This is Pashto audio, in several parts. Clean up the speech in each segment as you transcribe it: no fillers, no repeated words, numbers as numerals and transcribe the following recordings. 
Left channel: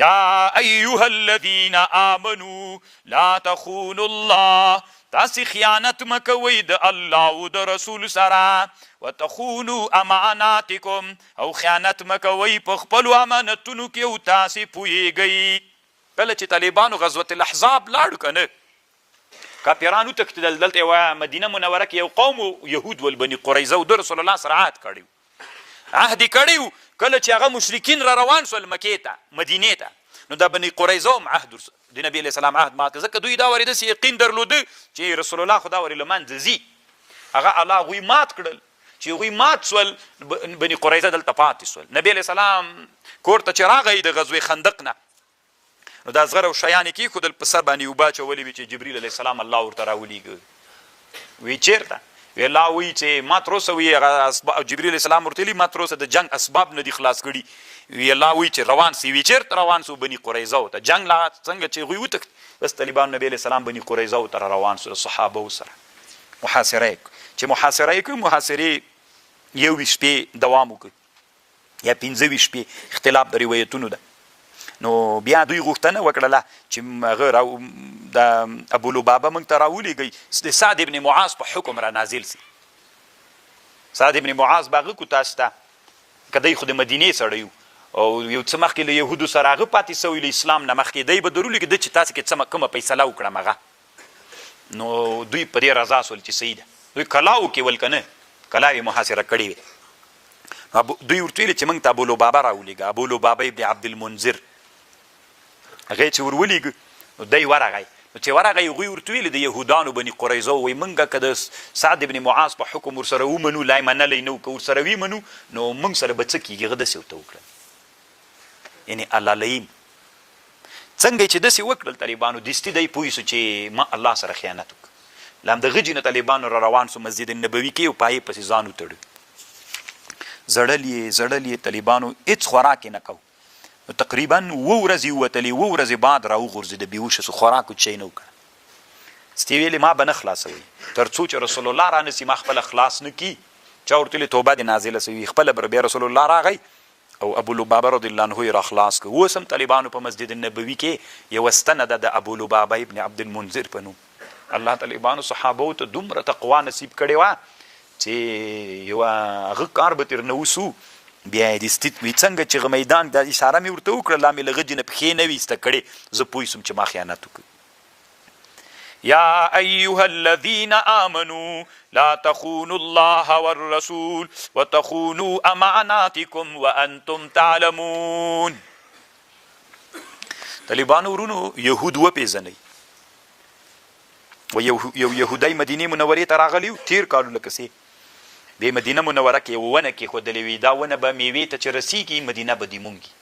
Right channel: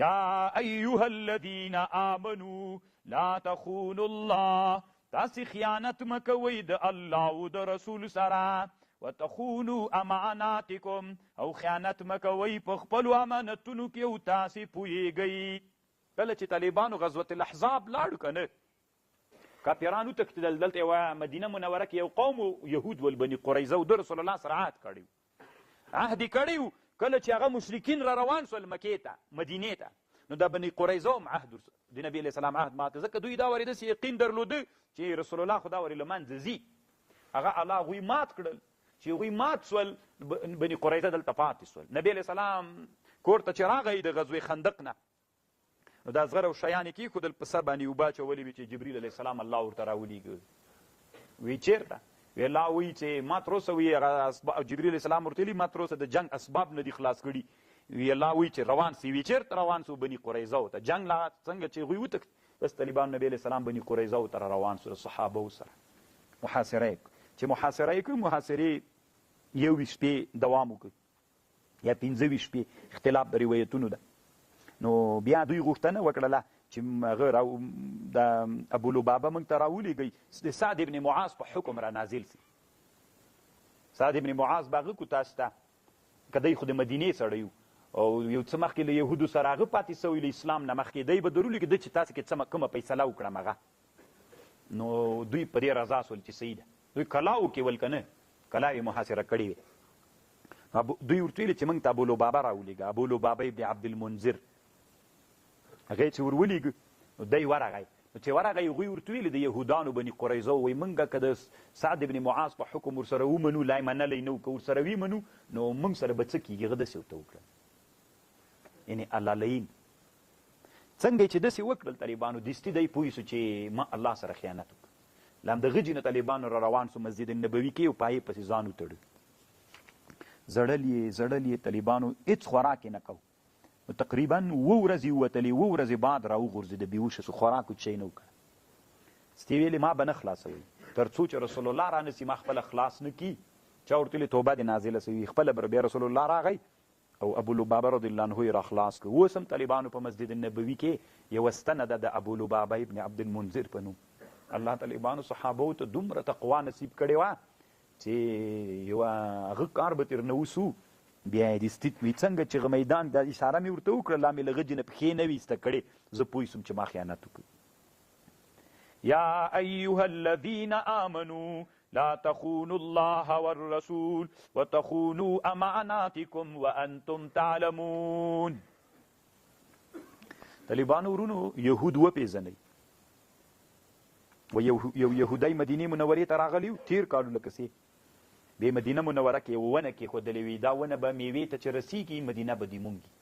یا ایها الذین آمنوا لا تخونوا الله، تاسې خیانت مه کوئ د الله او د رسول سره، وتخونوا اماناتکم، او خیانت مه کوئ په خپلو امانتونو کې او تاسې پوهیږئ. کله چې طالبانو غزوة الاحزاب لاړو که نه، کافران وتښتېدل. دلته یوه مدینه منوره کې یو قوم یهود ول بني قریظه و د رسول الله سره عهد کړی عهد یې کړی و. کله چې هغه مشرکین را روان شول مکې ته مدینې ته، نو دا بني قریظه هم عهد د نبي علیه السلام عهد مات کړ، ځکه دوی دا ورې داسې یقین درلوده چې رسول الله خو دا ورې له منځه ځي. هغه الله هغوی مات کړل. چې هغوی مات سول، بني قریظه دلته پاتې سول. نبي علیه السلام کور ته چې راغی د غزوې خندق نه، نو دا زغره او شیان یې کېښودل، په سر باندې اوبه اچولې وي چې جبریل علیه السلام الله ورته راولېږه. وی چېرته؟ وی الله وایي چې ما تر اوسه وي هغه جبریل علیه السلام ورته ویلي ما تر اوسه د جنګ اسباب نه دي خلاص کړي. وی الله وایي چې روان سي. وی چېرته روان سو؟ بني قریظه ته. جنګ لا څنګه چې هغوی وتښت، بس طالبان نبي علیه السلام بني قریظه ته روان سو د صحابو سره. محاصره یې چې محاصره یې کړ، محاصرې 21 شپې دوام وکړ یا 15 شپې، اختلاف د روایتونو ده. نو بیا دوی غوښتنه وکړله چې هغه د ابولبابه موږ ته راولېږئ، د سعد ابن معاذ په حکم را نازل سي. سعد ابن معاذ به هغه کو تاسو ته، که دی خو د مدینې سړی او یو څه مخکې له یهودو سره هغه پاتې سوی له اسلام نه مخکې، دی به ضرور لیکي چې تاسو کې څه کومه فیصله وکړم هغه. نو دوی په دې رضا سول چې صحیح ده. دوی کلاو کې ول که نه، کلا یې محاصره کړې وې. دوی ورته ویلې چې موږ ته ابولبابه راولېږه. ابولبابه ابن عبدالمنذر هغه چې ور ولېږه، نو دی ورغی. نو چې ورغی هغوی ورته ویلې د یهودانو بني قریظه وایي موږ که د سعد ابن معاذ په حکم ورسره ومنو، لا یې منلی نه و، که ورسره ومنو نو موږ سره به څه کېږي. هغه داسې ورته وکړل، یعنې اللهیم څنګه چې داسې وکړل طالبانو، دستي دی پوه سو چې ما الله سره خیانت وکړ. له همدغه جې نه طالبانو را روان سو مسجد النبوي کې او په هغې پسې ځان وتړو. زړل یې طالبانو هېڅ خوراک یې نه کو. نو تقریبا 2 ورځې ووتلې، 2 ورځې بعد را وغورځېده، بېهوشه سو، خوراک چی نه وکړه. ستې ویلې ما به نه خلاصوي تر څو چې رسول الله را نسي، ما خپله خلاص نه کي. چا ورته ویلې توبه دې نازله سوي، خپله به بیا رسول الله راغی او ابولبابه رضی الله عنه یې را خلاص کړ. اوس هم طالبانو په مسجد النبوي کې یوه ستنه ده د ابولبابه ابن عبدالمنذر په نوم. الله طالبانو صحابو ته دومره تقوا نصیب کړې وه چې یوه هغه کار به ترې نه وسو. بیا یې دستي وي څنګه چې میدان د اشاره مې ورته وکړه، لا مې له غجې نه پښې نه وي ایسته کړې، زه پوه سوم چې ما خیانت وکړ. یا ایها الذین آمنوا لا تخونوا الله والرسول وتخونوا اماناتکم وانتم تعلمون. طالبانو ورونو یهود وپېژنئ. و یو یهودی مدینې منورې ته راغلی و تېر کالو لکسې، د مدینه منوره کې یوه ونه کېښودلې وي، دا ونه به میوې ته چې رسیږي مدینه به دې مونږي.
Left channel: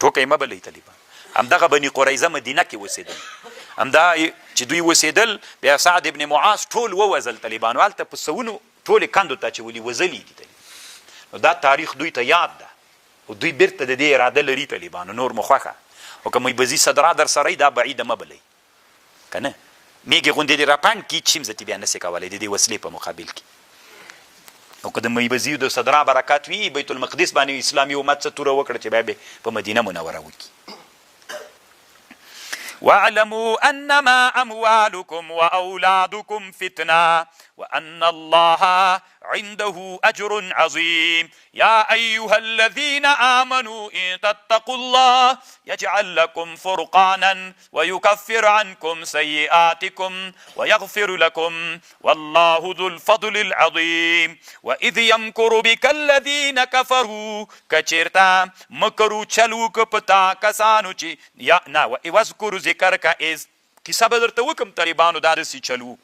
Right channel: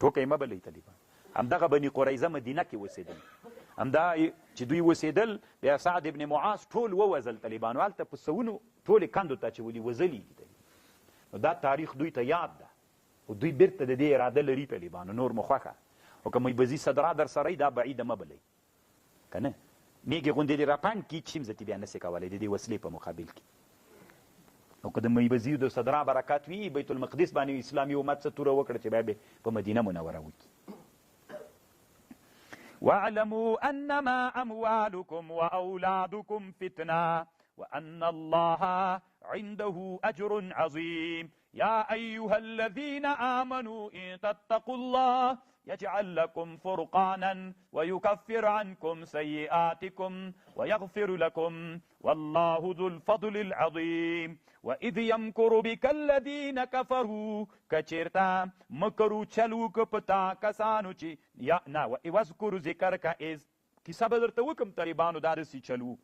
ټوکه یې مه بلئ طالبان. همدغه بني قریظه مدینه کې اوسېدل، همدا چې دوی اوسېدل. بیا سعد ابن معاذ ټول ووژل طالبانو، هلته په سوونو ټولې کندو ته اچولي وژلي دي. نو دا تاریخ دوی ته یاد ده او دوی بیرته د دې اراده لري طالبانو. نور مو خوښه او که میبزي صدرا در سره دا بعیده مه بلئ که نه، میږې غوندې دې راپنډ کي چې زه بیا نسې کولی د دې وسلې په مقابل کې. او که د میبزي د صدرا برکات وي، بیت المقدس باندې اسلامي امت څه توره وکړه چې بیا به په مدینه منوره وکړي. واعلموا انما اموالكم واولادكم فتنه وان الله عنده اجر عظيم. يا ايها الذين امنوا ان تتقوا الله يجعل لكم فرقانا ويكفر عنكم سيئاتكم ويغفر لكم والله ذو الفضل العظيم. واذ يمكر بك الذين كفروا کچرتا مکرو چلو ک پتا کسانو چې یا نا واذكر ذکر کا از کیسه به درته وکم طالبانو دا داسې چلو.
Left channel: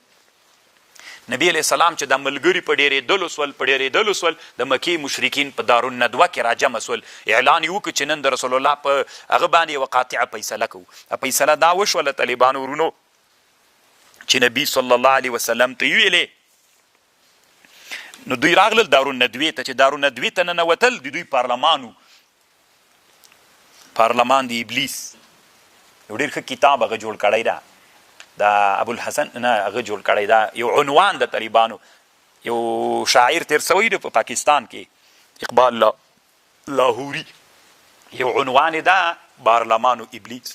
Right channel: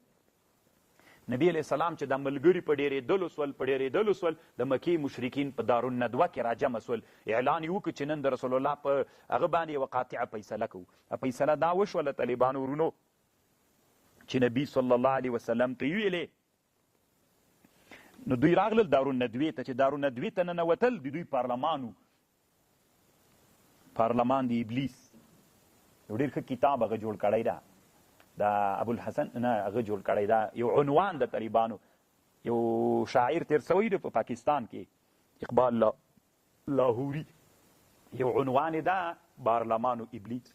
نبی علیہ السلام چې د ملګري په ډېرېدلو سول د مکې مشرکین په دارالندوه کې راجمع سول، اعلان یې وکړ چې نن د رسول الله په هغه باندې یوه قاطعه فیصله کوو. فیصله دا وشوله طالبانو ورونو چې نبي صلی الله علیه وسلم ته یې ویلې. نو دوی راغلل دارالندوې ته، چې دارالندوې ته ننوتل د دوی پارلمان د ابلیس یو ډېر ښه کتاب هغه جوړ کړی ده، دا ابوالحسن نه هغه جوړ کړی دا یو عنوان د طالبانو، یو شاعر تیر سوی دی په پاکستان کې اقبال لاهوري، یو عنوان دا پارلمانو ابلیس.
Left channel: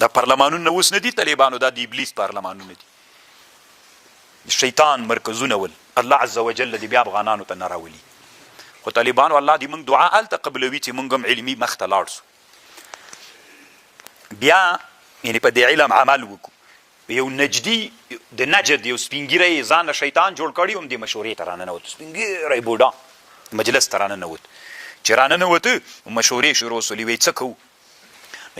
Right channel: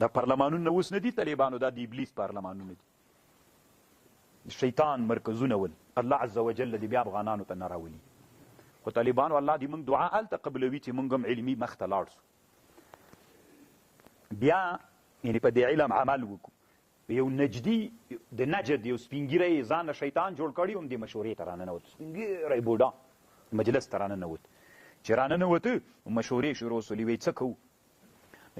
دا پارلمانونه اوس نه دي طالبانو، دا د ابلیس پارلمانونه دي، شیطان مرکزونه ول. الله عز وجل دې بیا افغانانو ته نه راولي. خو طالبانو الله دې موږ دعا هلته قبلوي چې موږ هم علمي مخ ته لاړ سو. بیا یعنې په دې علم عمل وکړو. یو نجدي د نجد یو سپینګیری ځان شیطان جوړ کړي، هم دې مشورې ته راننوت، سپینګیری بوډا مجلس ته راننوت. چې راننوته مشورې شروع سولې، وایي څه کوو؟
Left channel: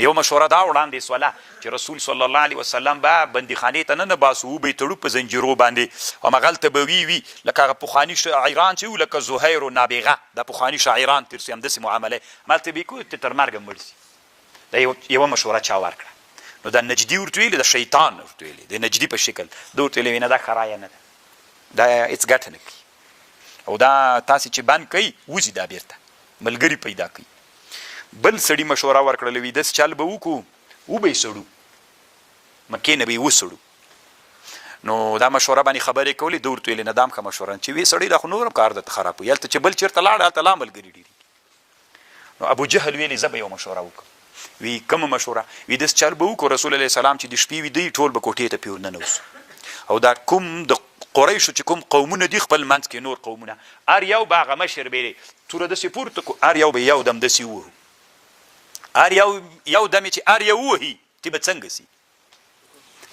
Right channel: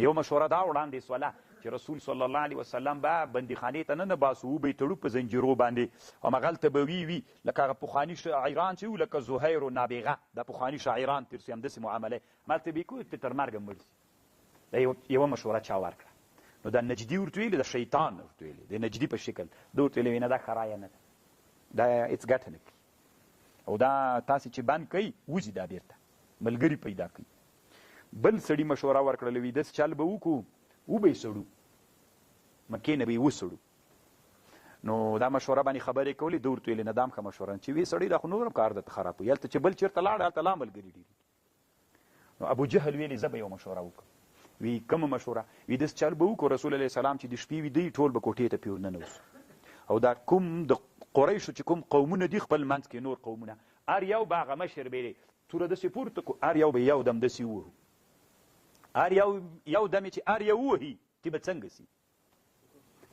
یو مشوره دا وړاندې سوله چې رسول صلی الله علیه وسلم به بندیخانې ته نه باسو، وبه یې تړو په زنجیرو باندې، همغلته به وي لکه هغه پخواني شاعران چې وو، لکه زهیر و نابغه، دا پخواني شاعران تېر سي، همداسې معامله همالته به یې کوو تر مرګه مړ سي. دا یوه مشوره چا ورکړه. نو دا نجدي ورته ویلې، د شیطان ورته ویلې، د نجدي په شکل. ده ورته ویلې نه دا ښه رایه نه ده، دا هېڅ ګټه نه کوي، او دا تاسې چې بند کوئ وځي دا بېرته ملګري پیدا کوي. بل سړي مشوره ورکړله، وي داسې چل به وکړو، وبه یې سړو، مکې نه به یې وسړو. نو دا مشوره باندې خبرې کولې. ده ورته ویلې نه دا هم ښه مشوره نه، چې وی سړی دا خو نور هم کار درته خراب وي، هلته چې بل چېرته لاړ هلته لا ملګري ډېرېږي. نو ابو جهل ویلې زه به یو مشوره وکړم. وی کومه مشوره؟ وی داسې چل به وکړو رسول علیه السلام چې د شپې وي دی ټول به کوټې ته پې ورننوځو، او دا کوم د قریشو چې کوم قومونه دي خپل منځ کې نور قومونه، هر یو به هغه مشر به یې توره داسې پورته کړو، هر یو به یو دم داسې ووهو، هر یو دم چې هر یو ووهي تی به څنګه سي؟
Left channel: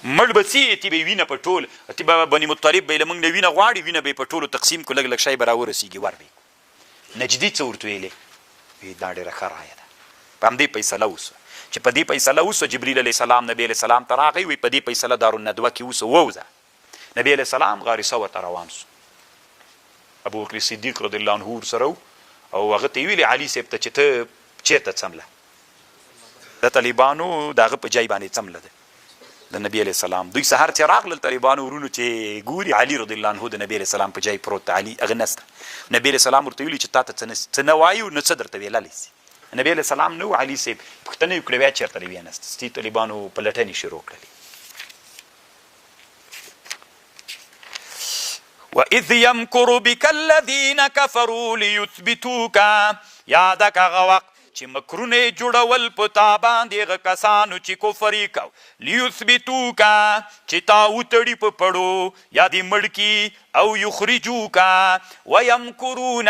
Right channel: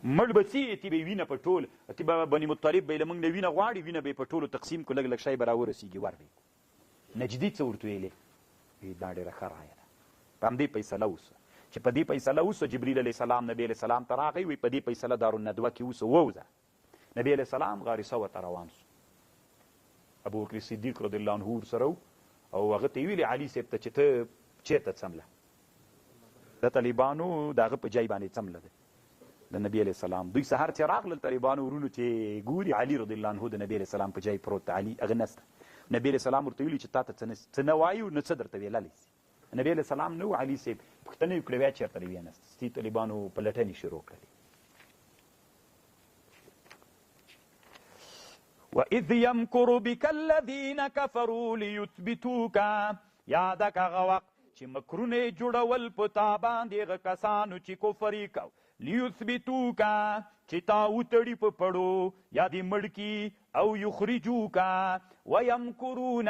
مړ به سي، تی به یې وینه په ټول، تی به بني مطلب به یې له موږ نه وینه غواړي، وینه به یې په ټولو تقسیم کړو، لږ لږ شی به راورسېږي ور به یې. نجدي څه ورته ویلې؟ وی دا ډېره ښه رایه ده. په همدې فیصله وسوه چې په دې فیصله وسوه. جبریل علیه السلام نبي علیه السلام ته راغی، وی په دې فیصله دارالندوه کې وسوه، ووځه. نبي علیه السلام غاري ثور ته روان سو. ابوبکر صدیق رضی الله عنه ورسره و، او هغه ته یې ویلې علي صاحب ته چې ته چېرته څمله، د طالبانو د هغه په جای باندې څمله ده د نبي علیه السلام. دوی سهار چې راغلل طالبانو ورونو چې ګوري علي رضی الله عنه د نبي علیه السلام په جای پروت ده، علي هغه نسته. نبي علیه السلام ورته ویلي چې تا ته څه نه وایو نو څه درته ویللی سي. نبي علیه السلام نه و، علي صاحب پوښتنه یې وکړه بیا چېرته دی وینسته. ستي طالبانو پلټنې شروع کړلې. وَإِذْ يَمْكُرُ بِكَ الَّذِينَ كَفَرُوا لِيُثْبِتُوكَ، یاده که هغه وخت چې مکرونه یې جوړول په تا باندې هغه کسانو چې کفر یې کو، لیثبتوکه چې تا وتړي په پړو یا دې مړ کي، او یخرجوکه ویمکرون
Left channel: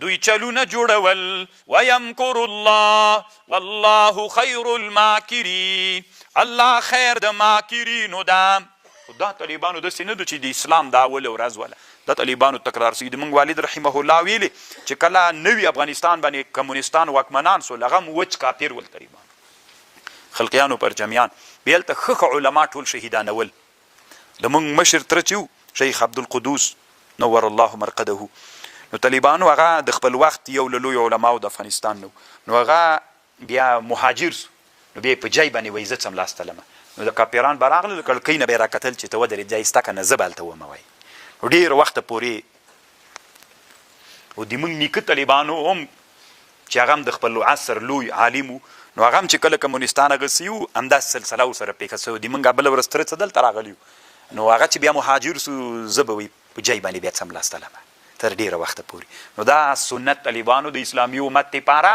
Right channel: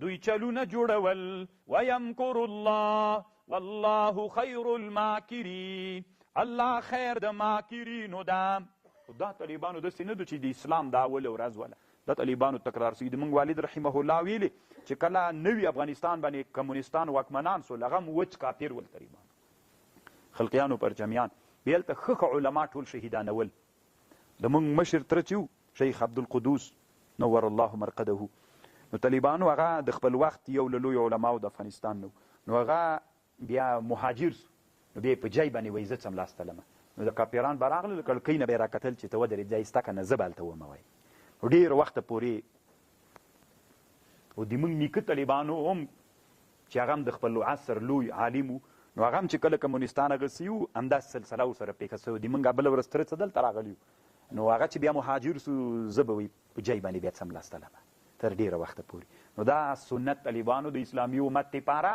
دوی چلونه جوړول، ویمکر الله والله خیر الماکرین، الله خیر د ماکرینو ده. دا طالبانو داسې نه ده چې د اسلام دا اول ورځ وله، دا طالبانو تکرار سوي. د موږ والد رحمه الله ویلې چې کله نوي افغانستان باندې کمونستان واکمنان سول، هغه هم وچ کافر ول طالبان، خلقیانو پر جمیان. بیا هلته ښه علما ټول شهیدانول. د موږ مشر تره چې و شیخ عبدالقدوس نور الله مرقده، نو طالبانو هغه د خپل وخت یو له لویو علماو د افغانستان نو هغه بیا مهاجر سو، نو بیا په جای باندې وایي زه څملاستلمه. نو د کاپیران به راغلل، کړکۍ نه به یې راکتل چې ته ودرېد ځای سته که نه زه به هلته ومه وایي. نو ډېر وخته پورې او د موږ نیکه طالبانو هم چې هغه هم د خپل عصر لوی عالم و، نو هغه هم چې کله کمونستان هغسې وو همداسې سلسله ورسره پېښه سوې. د موږ بله ورځ تره څه دلته راغلي وو، نو هغه چې بیا مهاجر سو زه به وایي په جای باندې بیا څملاستلمه تر ډېره وخته پورې. نو دا سنت طالبانو د اسلامي امت دپاره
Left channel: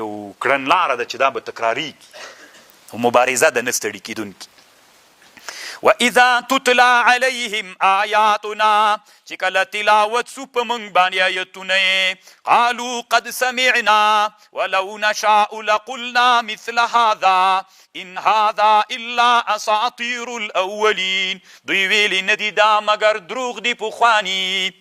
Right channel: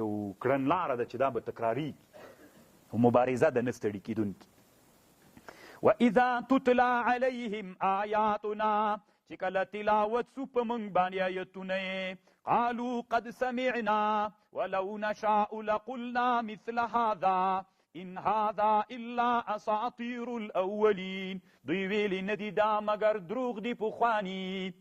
یو کړنلاره ده چې دا به تکراریږي، او مبارزه ده نه ستړي کېدونکي. وَإِذَا تُتْلَى عَلَيْهِمْ آیاتنا، چې کله تلاوت سو په موږ باندې آیتونه یې، قالوا قد سمعنا ولو نشاء لقلنا مثل هذا ان هذا الا اساطیر الاولین. دوی ویلي نه دي دا مګر دروغ دي پخواني.